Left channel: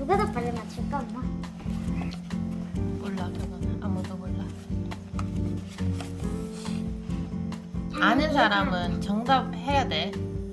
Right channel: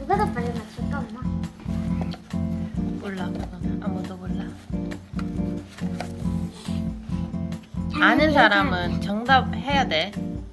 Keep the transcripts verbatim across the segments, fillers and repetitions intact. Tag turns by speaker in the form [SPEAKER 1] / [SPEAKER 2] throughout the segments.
[SPEAKER 1] 누가 더 빨리 맞출까 엄마?
[SPEAKER 2] 몰라 그거는 아무도 몰라. 아는 사람은 정답 해야 돼.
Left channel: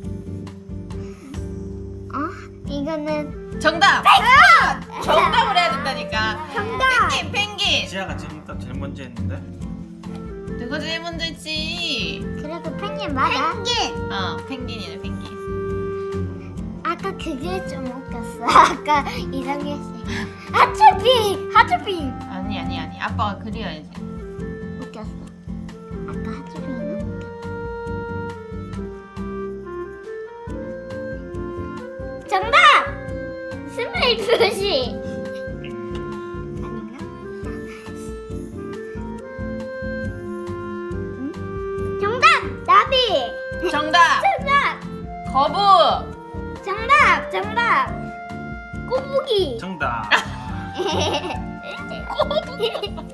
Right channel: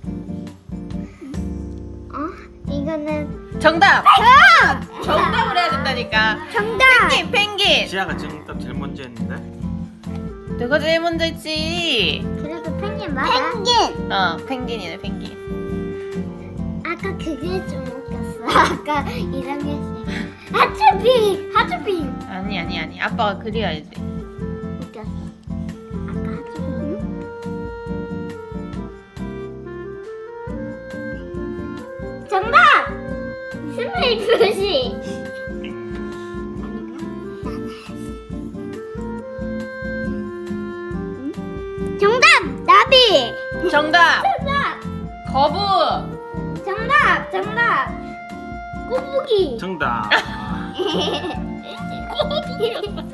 [SPEAKER 1] 어? 이거는
[SPEAKER 2] 정답! 정답을 해야 된다니까.
[SPEAKER 1] 정답.
[SPEAKER 2] 펭귄 펭귄.
[SPEAKER 3] 지아가 정답 제일 먼저 했는데.
[SPEAKER 2] 누가 제일 먼저 했지?
[SPEAKER 1] 그래도 펭귄 맞아. 펭귄.
[SPEAKER 2] 어 펭귄이네 펭귄.
[SPEAKER 1] 아까 그게 좀 웃겼어. 아까 이상해 씨. 하츄핑 하츄핑.
[SPEAKER 2] 아니 아니 아니 아빠가 그려야지.
[SPEAKER 1] 웃겼어. 아까 하츄핑. 정답. 스물 표시. 정답 나비.
[SPEAKER 2] 정답
[SPEAKER 1] 정답.
[SPEAKER 2] 거부.
[SPEAKER 1] 정답 정답. 꼬부기.
[SPEAKER 3] 정답.
[SPEAKER 2] 거북이였어.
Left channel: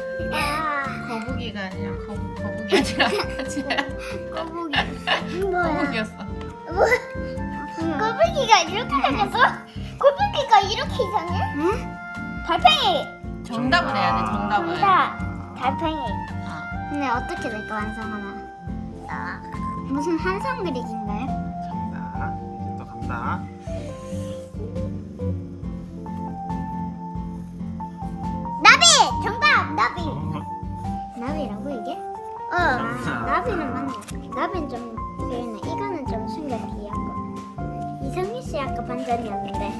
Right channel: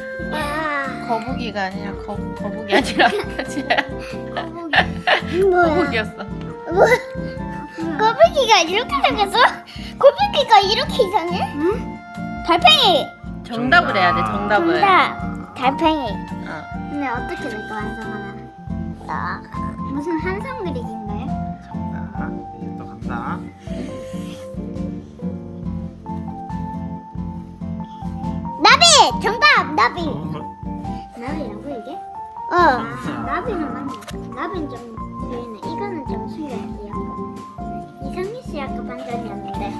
[SPEAKER 2] 거북이가 아니라 거 거북이 아니라 그치?
[SPEAKER 1] 뭐야?
[SPEAKER 2] 거북이였어.
[SPEAKER 1] 꼬부기가 이렇게 생겼어? 꼬부기가 이렇게 이상해? 응? 달팽이.
[SPEAKER 2] 정답을 해야 돼 정답을.
[SPEAKER 1] 정답. 달팽이.
[SPEAKER 2] 어.
[SPEAKER 1] 근데 어떻게 이거 완성하나? 나 무슨 한성 그리기인가요?
[SPEAKER 3] 정답. 이제 또 간다.
[SPEAKER 1] 나비. 정답. 나비.
[SPEAKER 3] 어,
[SPEAKER 1] 나비라고 이게? 어.
[SPEAKER 3] 정답.
[SPEAKER 1] 나비는 맞아. 나비는 좀 보이네. 이거는 좀 순간 귀여워. 이상민 씨 아까 반전이었는데.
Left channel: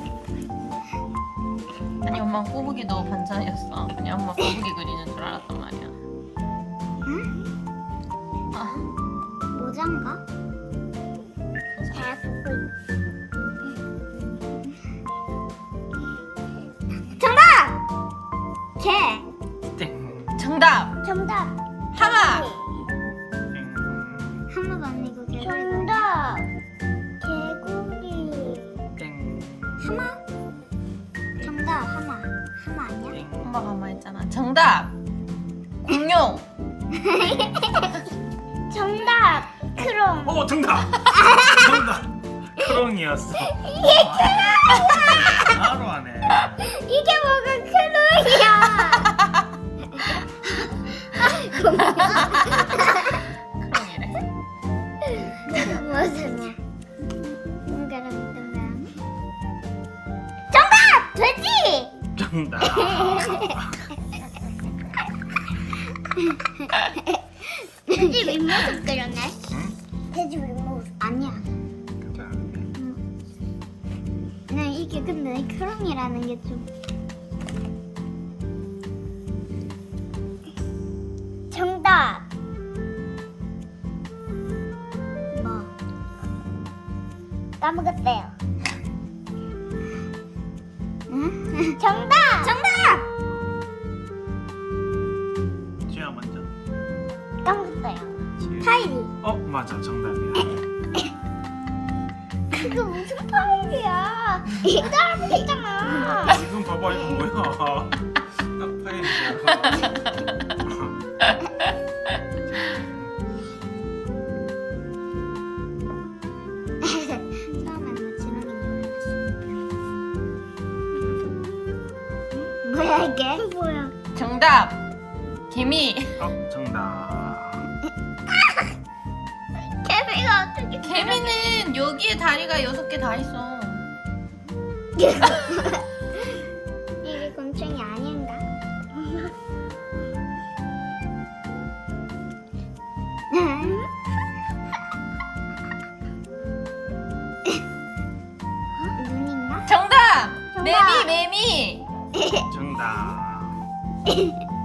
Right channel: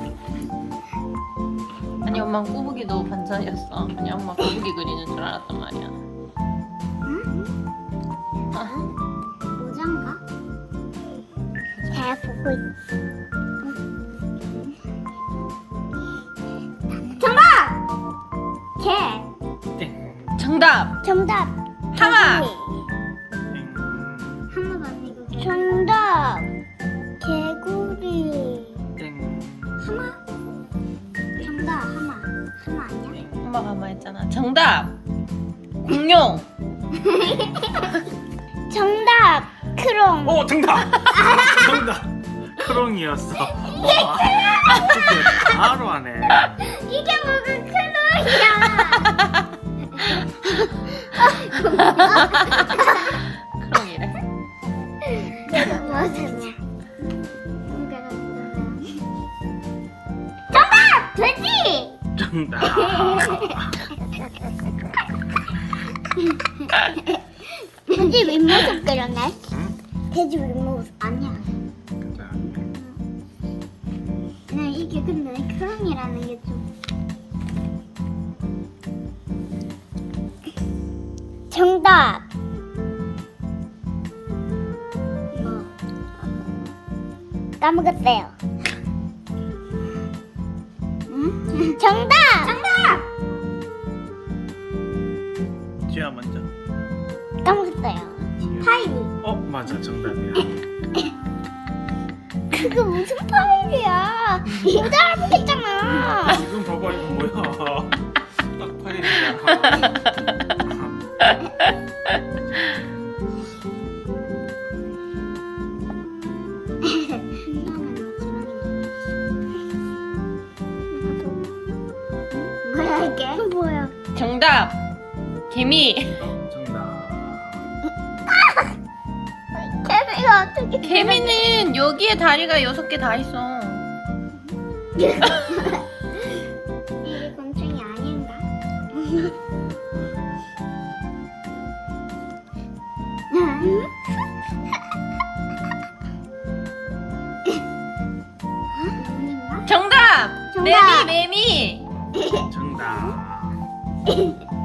[SPEAKER 2] 아니 엄마 꼬부기도 반찬이었어. 아니 엄마 거북이 그리는 줄 알았단 말이야.
[SPEAKER 1] 응?
[SPEAKER 2] 아,
[SPEAKER 1] 모자인가? 잘 보고 있어. 정답! 개.
[SPEAKER 3] 땡.
[SPEAKER 2] 정답
[SPEAKER 1] 정답.
[SPEAKER 2] 하마.
[SPEAKER 3] 땡.
[SPEAKER 1] 하나가 아니고 개. 정답. 개구리.
[SPEAKER 3] 땡.
[SPEAKER 1] 하마? 정답 하마. 하마 아니야?
[SPEAKER 3] 땡.
[SPEAKER 2] 엄마가 하마 했잖아. 정답 공룡.
[SPEAKER 1] 정답. 크롱.
[SPEAKER 3] 오 정답. 정답. 크롱이었어. 와, 진짜 바로 하네.
[SPEAKER 1] 이게 뭐가 크롱이야?
[SPEAKER 2] 크롱이래.
[SPEAKER 1] 무슨 정답! 돼지!
[SPEAKER 3] 정답.
[SPEAKER 1] 돼지 윗모습 그렸네?
[SPEAKER 3] 응?
[SPEAKER 1] 돼지 윗모습 아니야.
[SPEAKER 3] 그다음에
[SPEAKER 1] 그냥 이게 근데 크롱이라는 게 좀. 정답. 뭐 까먹었어요. 응? 정답. 정답.
[SPEAKER 3] 지아 먼저.
[SPEAKER 1] 까먹었어요.
[SPEAKER 3] 지아.
[SPEAKER 1] 파인.
[SPEAKER 3] 어 맞아 정답이야.
[SPEAKER 1] 그거 무슨 파일이야? 이거 알아보겠잖아.
[SPEAKER 3] 지금 봐봐 이거 뭐야? 딱 파일이잖아.
[SPEAKER 1] 뭐야 이게? 뭐야?
[SPEAKER 2] 정답 개미.
[SPEAKER 3] 어 정답.
[SPEAKER 1] 개미가 어떻게?
[SPEAKER 2] 개미는 여기에 다리가 여섯 개 다 있어.
[SPEAKER 1] 이게 곤충이 아닌가?
[SPEAKER 2] 정답
[SPEAKER 1] 정답.
[SPEAKER 2] 매미 매미.
[SPEAKER 3] 정답.